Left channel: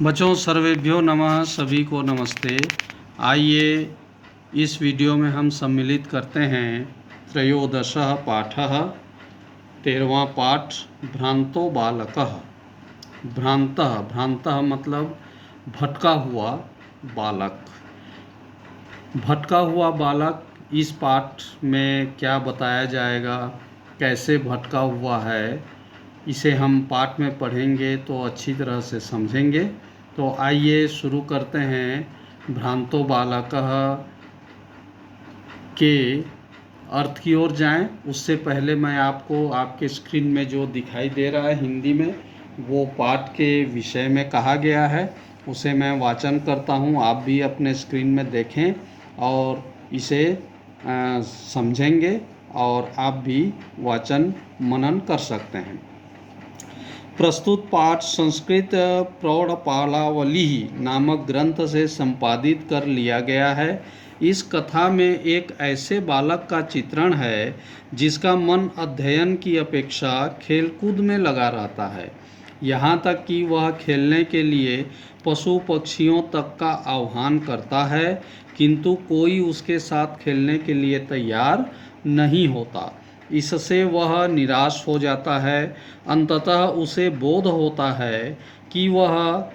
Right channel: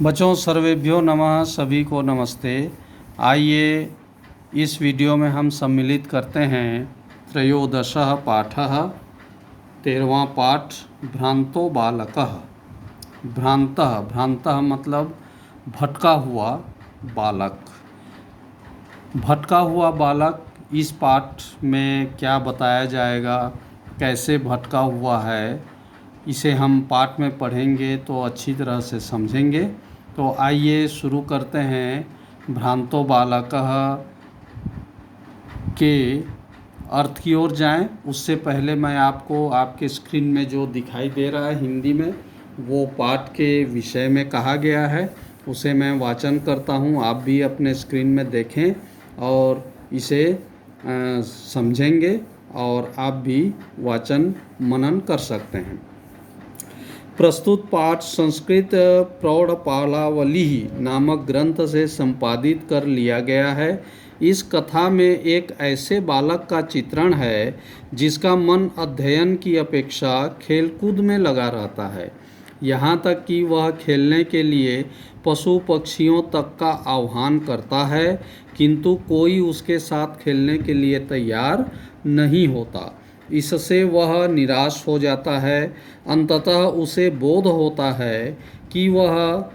बच्चों सर्वेभ्यो नमः, सभी को नमस्ते। आइए इस वीडियो में हम सम्मिलित करते हैं त्रयोदशः पाठः, 13वां पाठ भ्रांतो बालकः। भ्रांतः मतलब भटका हुआ बालक। भटका हुआ बालक इस पाठ में क्या बताया जाएगा, कैसे भटका हुआ है, इसे हम पाठ में पढ़ेंगे तो अच्छी तरह से समझेंगे। तो आइए शुरू करते हैं। भ्रांतो बालकः के अर्थ की ओर जाएं। उससे पहले मैं आपको आपके स्क्रीन में जो दिखाई दे रहा है हिंदी में, वो पाठ के विषय में कहा गया है, उसे मैं वाचन करता हूँ। आप भी अपने स्क्रीन में देखें और इसे समझेंगे और आप भी वाचन मनन कर सकते हैं। प्रस्तुत पाठ संस्कृत प्रौढ़पालावली नामक ग्रंथ से संपादित कर लिया गया है। इस कथा में एक ऐसे बालक का चित्रण है जिसका मन अध्ययन की अपेक्षा खेलकूद में लगा रहता है। यहाँ तक कि वह खेलने के लिए पशु पक्षियों तक का आह्वान करता है, किंतु कोई उसके साथ खेलने के लिए तैयार नहीं होता। इससे वह निराश हो जाता है। अंततः उसे बोध होता है कि वह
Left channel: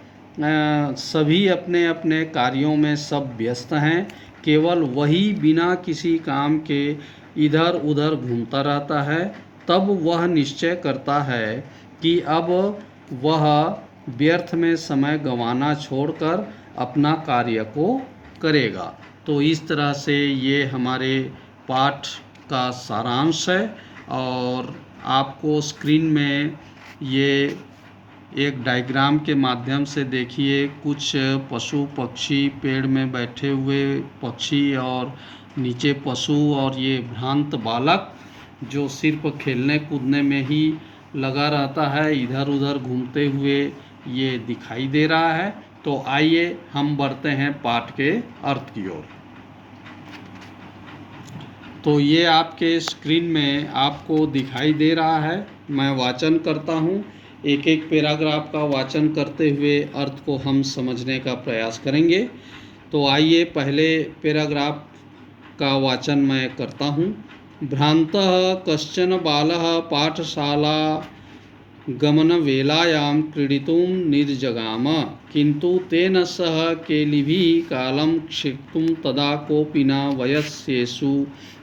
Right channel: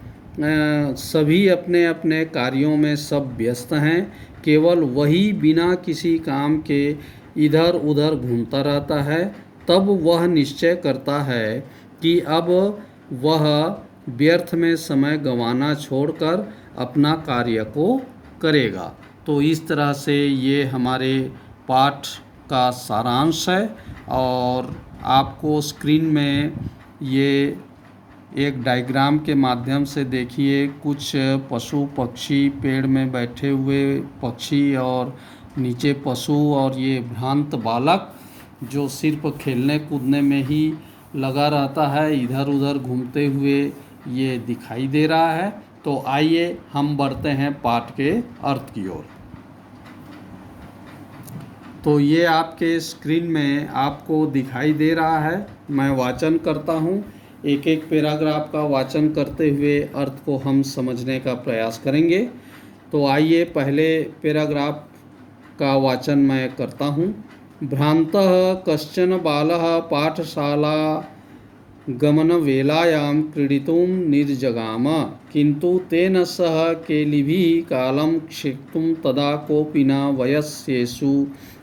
सभी अपने अपने कार्यों में सब व्यस्त हैं, केवल वही बिना किसी काम के इधर उधर घूमता रहता है। तब वह निश्चय करता है कि अब वह व्यर्थ में समय गंवाना छोड़कर अपना कार्य को करेगा। तो इस तरह से ये हमारे पाठ का सारांश है। और आपको स्क्रीन में ये एक डायग्राम के माध्यम से देखिए, कुछ पशु पक्षी, पेड़ में बैठे हुए पक्षी और नीचे पशु, और ये भ्रांत बालक जो सिर्फ खेलने कूदने में ही लगा रहता है, इधर उधर घूमते हुए ये दिखाई दे रहा है। तो आइए हम बढ़ते हैं पाठ के अर्थ की ओर। तो ये आपके स्क्रीन में आपको दिखाई दे रहा है। मैं वाचन करता हूँ। एक एक पैराग्राफ का वाचन करते हुए अर्थ को हम समझने का प्रयास करेंगे। तो आइए पहले पैराग्राफ का वाचन मैं करता हूँ। भ्रांतः कश्चन बालः पाठशाला गमनवेलायां क्रीडितुं निर्जगाम, किन्तु तेन सह केलिभिः कालं क्षिप्तुं तदा कोऽपि न वयस्येषु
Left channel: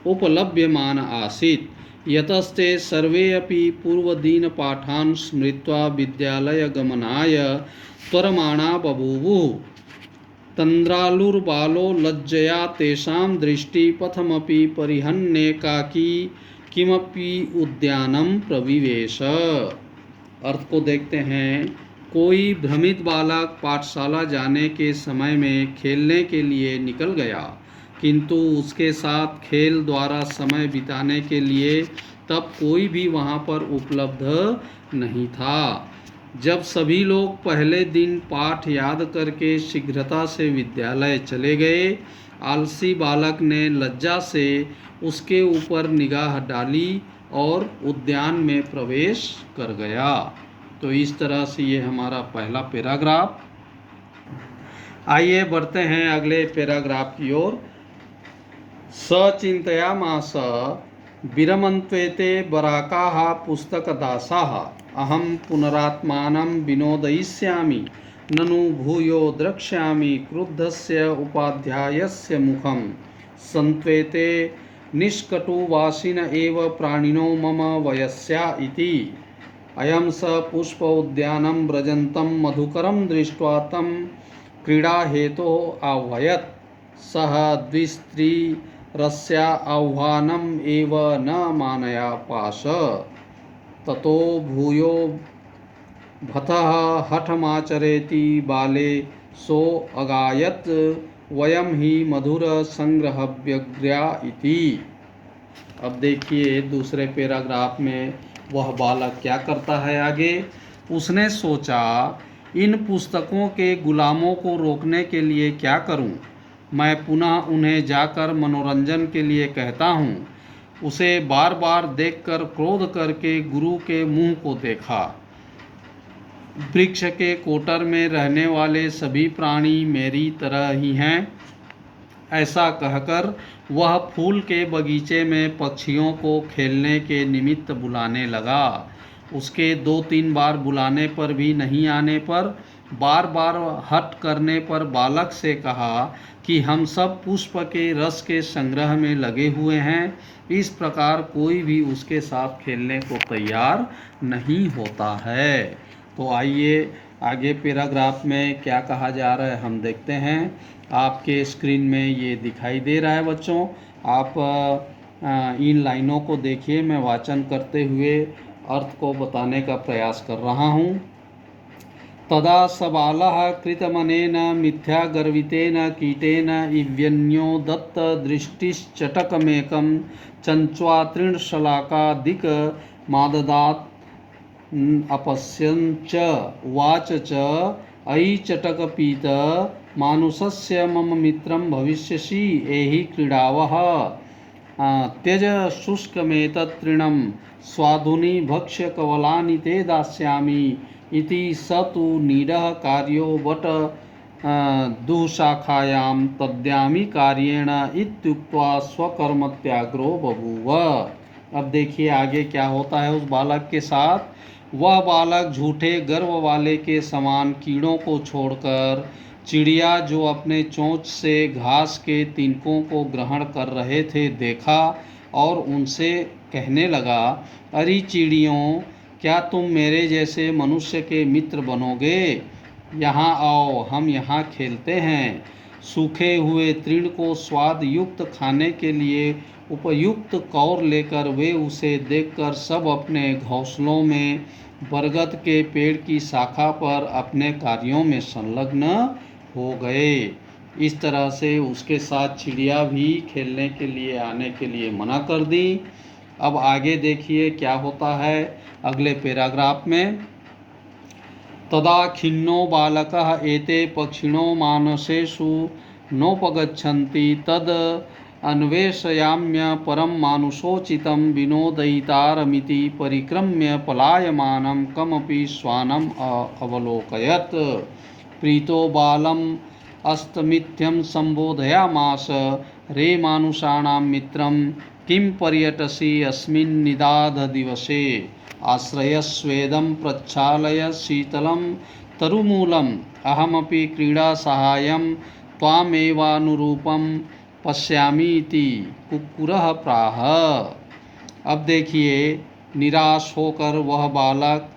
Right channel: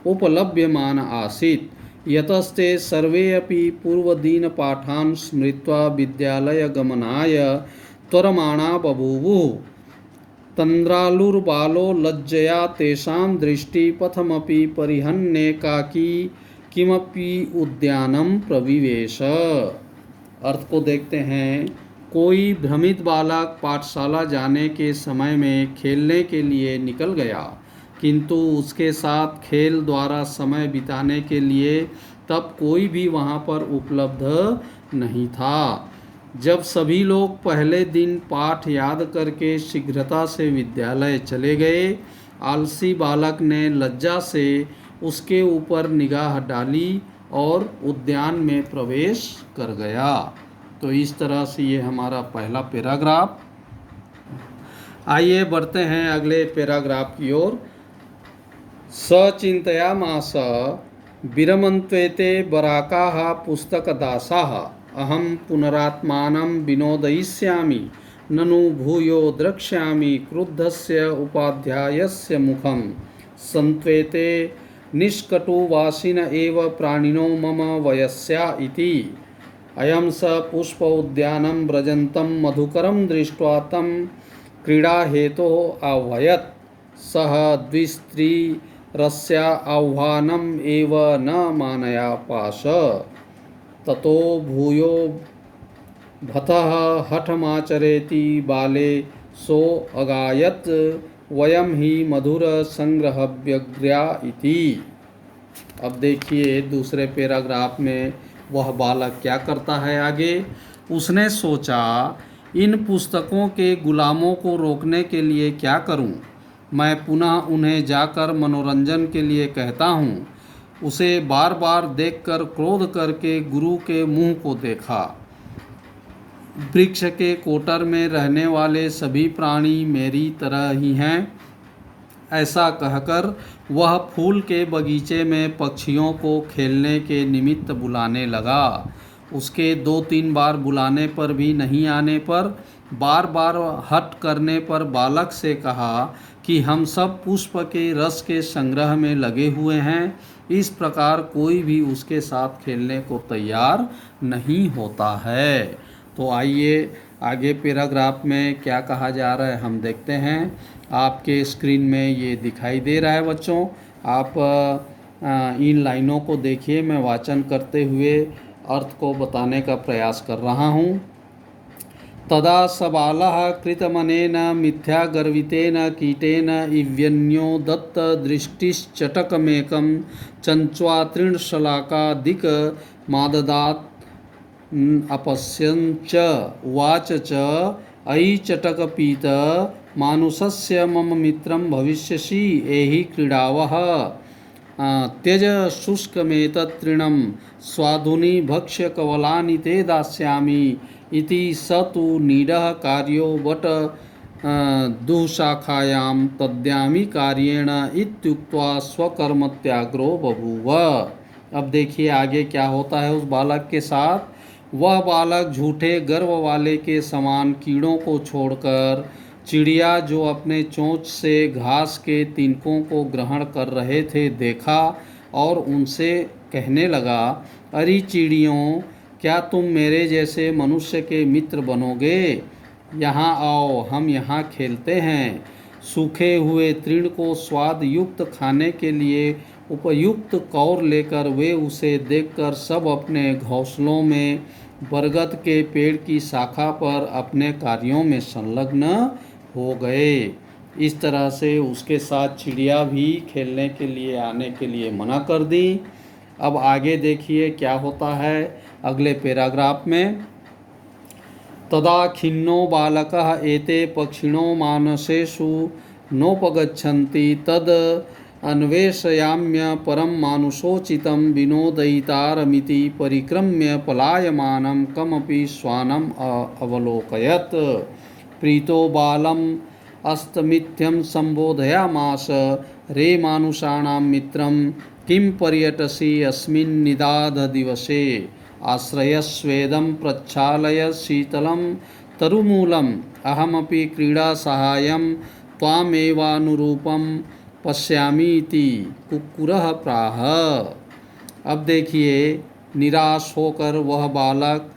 उपलभ्यमान आसीत्। यतस्ते सर्वे अपि पूर्वदिनपाठान् स्मृत्वा विद्यालयगमनाय त्वरमाणा बभूवुः। तन्द्रालुर्बालो लज्जया तेषां दृष्टिपथमपि परिहन्नेकाकी किमपि उद्यानं प्रविवेश। अर्थ को देखते हैं। कोई भ्रमित बालक पाठशाला जाने के समय में खेलने के लिए निकल गया, किंतु उसके साथ खेल द्वारा समय बिताने के लिए तब कोई भी वहाँ पर उपलब्ध नहीं था। जब सभी लोग पहले दिन पाठ याद करके शीघ्रता से विद्यालय चले गए, आलसी बालक ने लज्जा से उसके ऊपर निगाह डाली और उद्यान में प्रवेश कर गया। तो इस तरह से ये हमारा पहला पैराग्राफ। आइए बढ़ते हैं अगले पैराग्राफ की ओर। सचिन्तयामास विरमन्त्वेते बराकाः पुस्तकदासाः, अहं पुनरात्मानं विनोदयिष्यामि, ननु भूयो द्रक्ष्यामि क्रुद्धस्य उपाध्यायस्य मुखं। सन्त्वेते निष्कटुवासिन एव प्राणिनो मम वयस्या इति। अयं स पुष्प उद्यानं व्रजन्तं मधुकरं दृष्ट्वा तं क्रीडाहेतोः आह्वयत्। सः द्विस्त्रीरस्या आह्वानम् एव न मानयापास। ततो भूयो भतः हठमाचरेति बाले सो अगायत्, वयं ही मधुर संग्रहव्यग्र्या इति। अब देखिए दूसरे पैराग्राफ में वह बालक क्या करता है आगे। उसने सोचा, इन पुस्तकों के गुलामों को रोकने के लिए क्या करूं? मैं पुनः उन्हें जाकर मनोरंजन के लिए कहता हूं। उसे बार बार देखकर क्रोध करके गुरु के मुंह को देखा। वृक्ष के कोटर में रहने वाले सभी प्राणी मेरी तरह ही हैं। ऐसा कहकर वह फूल के बगीचे में पक्षियों को खेलने के निमित्त बुलाने लगा। उसके 2-3 बार बुलाने पर भी नहीं आने पर बार बार हट करने पर बालक से कहा कि हम सब पुष्प के रस के संग्रह में लगे हुए हैं। इस प्रकार कोई भी उसके साथ खेलने को तैयार नहीं होता है। तो आइए आगे पैराग्राफ में क्या कहा जा रहा है हम देखते हैं। आपके स्क्रीन में ये दिखाई दे रहा है बच्चों। आप इन लाइनों को देखिए। मैं वाचन करते हुए अर्थ को बताने का प्रयास कर रहा हूँ। तदा सबालः कृतमनेन मिथ्यागर्वितेन कीटेन इव्यन्यो दत्त दृष्टिश्चटकमेकं चञ्च्वा तृणशलाकादिक माददात् अपश्यन् च उवाच च अयि चटकपीत मानुषस्य मम मित्रं भविष्यसि एहि क्रीडावः त्यज शुष्कमेतत् तृणं स्वाधुनि भक्ष्य कवलानि ते दास्यामि इति स तु नीडः कार्यो वट दुःशाखायां तद्यामि कार्येण इत्युक्त्वा स्वकर्मत्याग्रो बभूव। अब देखिए आगे क्या होता है उस बालक के साथ। वह बालक झूठे गर्व वाले के समान कीड़ों को छोड़कर चिड़िया जो अपने चोंच से घास के तिनकों को ग्रहण कर रहे थे देखा और उनसे कहने लगा, अरे चिड़ियों, क्या तुम मेरे जैसे मनुष्य के मित्र बनोगे? यहाँ आओ, हम यहाँ खेलते हैं। सूखे हुए तृण को स्वाद युक्त खाने के लिए उपयुक्त कौर लेकर वे उसे देखकर सब अपने घोंसलों में बरगद के पेड़ की शाखा पर अपने कार्यों में संलग्न हो गए। इस तरह से उसके साथ चिड़िया भी खेलने के लिए आने के लिए मना कर दी। अब आगे देखिए क्या होता है अगले पैराग्राफ में। तदा खिन्नो बालकः एते पक्षिणो मानसेषु नोपगच्छन्ति तद अन्वेषयाम्य परम मानुषोचितं विनोदयितारमिति परिक्रम्य पलायमानं कमपि श्वानम् अवलोकयत्। प्रीतो बालम् अस्तमित्यं संबोधयामास, रे मानुषाणां मित्रं किं पर्यटसि अस्मिन् निदाघ दिवसे? आश्रयस्वेदं प्रच्छालय शीतलं तरुमूलम् अहमपि क्रीडासहायं त्वामेवानुरूपं पश्यामि इति कुक्कुरः प्राह। अब देखिए निराश होकर वह बालक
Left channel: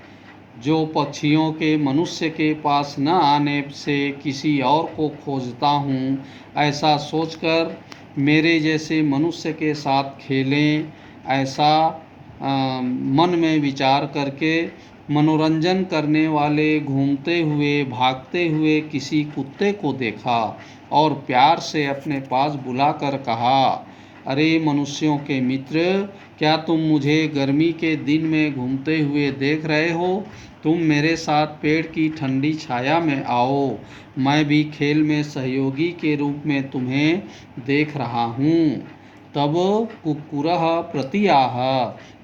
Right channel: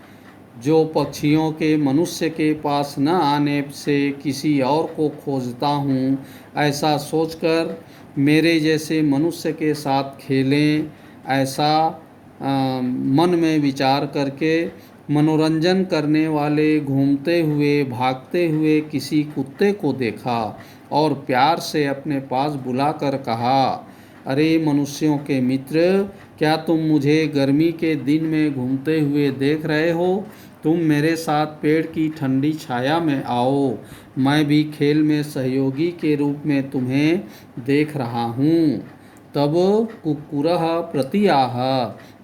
जो पक्षियों के मनुष्य के पास न आने से किसी और को खोजता हूँ, ऐसा सोचकर मेरे जैसे मनुष्य के साथ खेलें ऐसा मन में विचार करके मनोरंजन करने वाले घूमते हुए भागते हुए किसी कुत्ते को देखा और प्यार से अपने पास बुलाकर कहा, अरे मनुष्यों के मित्र, क्या तुम मुझे गर्मी के दिन में घूमते हुए देख रहे हो? तुम मेरे साथ पेड़ की ठंडी छाया में आओ, मैं भी खेल में सहयोगी के रूप में तुम्हें देख रहा हूँ। तब कुक्कुरः प्रतियाह,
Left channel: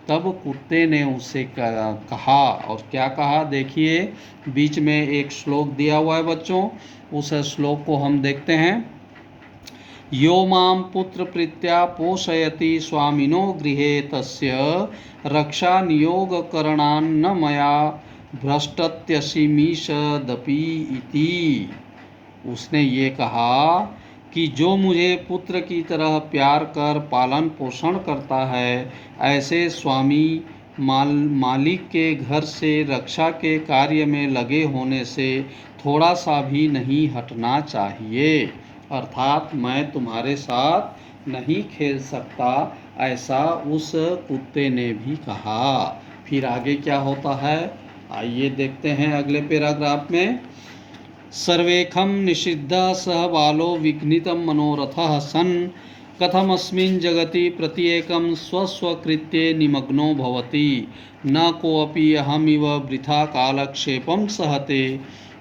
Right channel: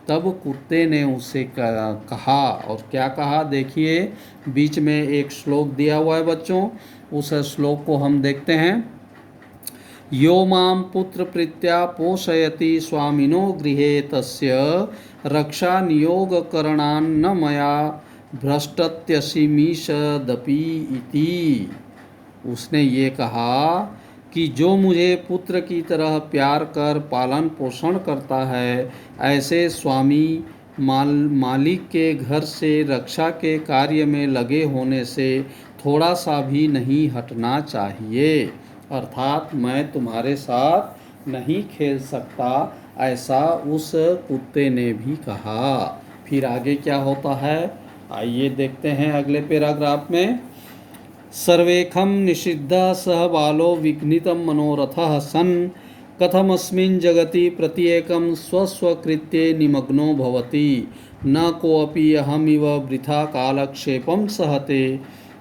तब कुत्ते ने उससे कहा, और क्या कहा देखिए बीच में एक श्लोक दिया हुआ है बच्चों, उस श्लोक को हम देखते हैं। यो मां पुत्र प्रीत्या पोषयति स्वामिनो गृहे तस्य रक्षा नियोग करणान्न मया भ्रष्टत्यसीमीषदपि इति। उसने ये कहा कि जो मुझे पुत्र की तरह प्यार कर पालन पोषण करता है, ऐसे स्वामी मालिक के घर से रक्षा के कार्य में लगे होने से थोड़ा सा भी नहीं हटना चाहिए। अर्थात मैं तुम्हारे साथ नहीं खेल सकता, ऐसा उस कुत्ते ने भी कहा। फिर आगे क्या होता है आइए देखते हैं अगले पैराग्राफ में। सर्वेखम निषिद्धः सह बालो विघ्नितं मनोरथः सन् कथमस्मिन् जगति प्रत्येकं स्वस्वकृत्ये निमग्नो भवति, न कोऽपि अहमिव वृथा कालक्षेपं सहते,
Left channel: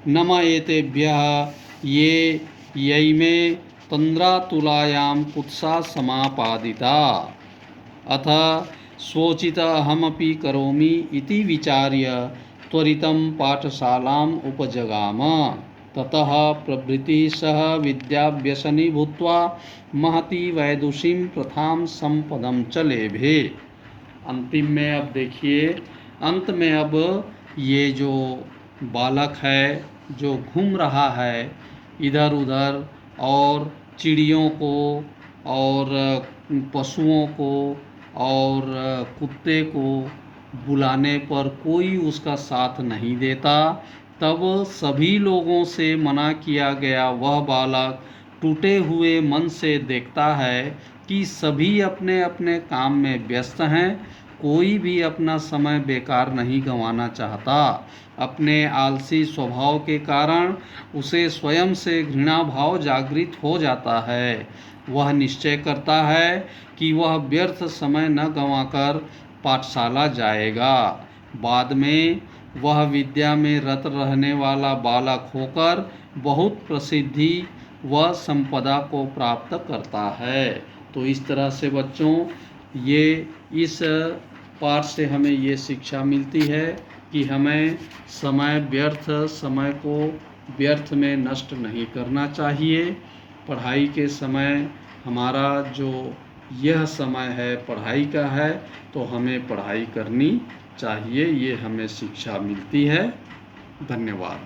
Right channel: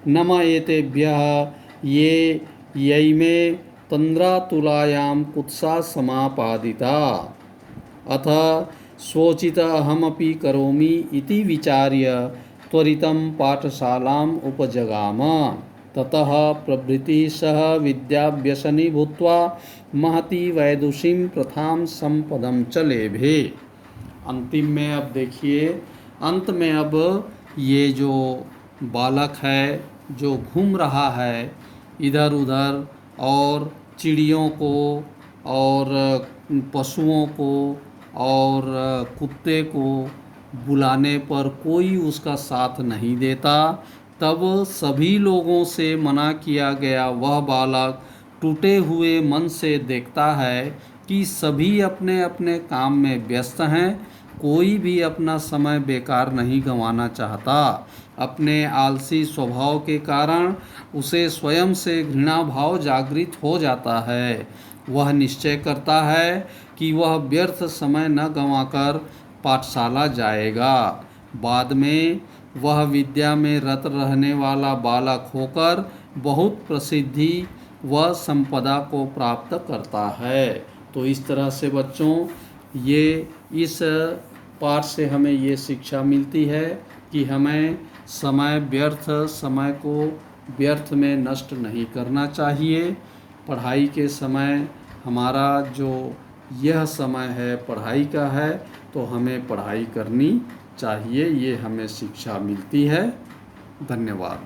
न म एतेभ्यः ये यैमे तन्द्रातुलायां कुत्सा समापादिता, अथ स्वोचित अहमपि करोमि इति विचार्य त्वरितं पाठशालाम् उपजगाम। ततः प्रभृति सह विद्याव्यसनी भूत्वा महती वैदुषीं प्रथां संपदं च लेभे। अंतिम में अब देखिए, अंत में अब ये जो बालक है जो घूम रहा है इधर उधर और चिड़ियों को और पशुओं को और कुत्ते को बुलाने पर कोई उसका साथ नहीं देता, तब सभी लोगों से मना किया गया वह बालक टूटे हुए मन से देखता है कि सभी अपने अपने काम में व्यस्त हैं, कोई भी अपना समय बेकार नहीं गंवाना चाहता। अपने आलसी स्वभाव के कारण उसे स्वयं से घृणा भाव जागृत हो जाता है। वह निश्चय करता है कि वह व्यर्थ समय न गंवाकर पाठशाला जाएगा। बाद में वह विद्या में रत रहने वाला बालक होकर बहुत प्रसिद्धि व संपदा को प्राप्त करता है। तो इस तरह से बच्चों, ये इस पाठ से हमें ये शिक्षा मिलती है कि हमें समय को व्यर्थ में नष्ट नहीं करना चाहिए। पढ़ाई के समय हमारा जो यह समय है पढ़ाई का है, तो हमें पढ़ाई करनी चाहिए, ये हमें शिक्षा मिलती है। धन्यवाद।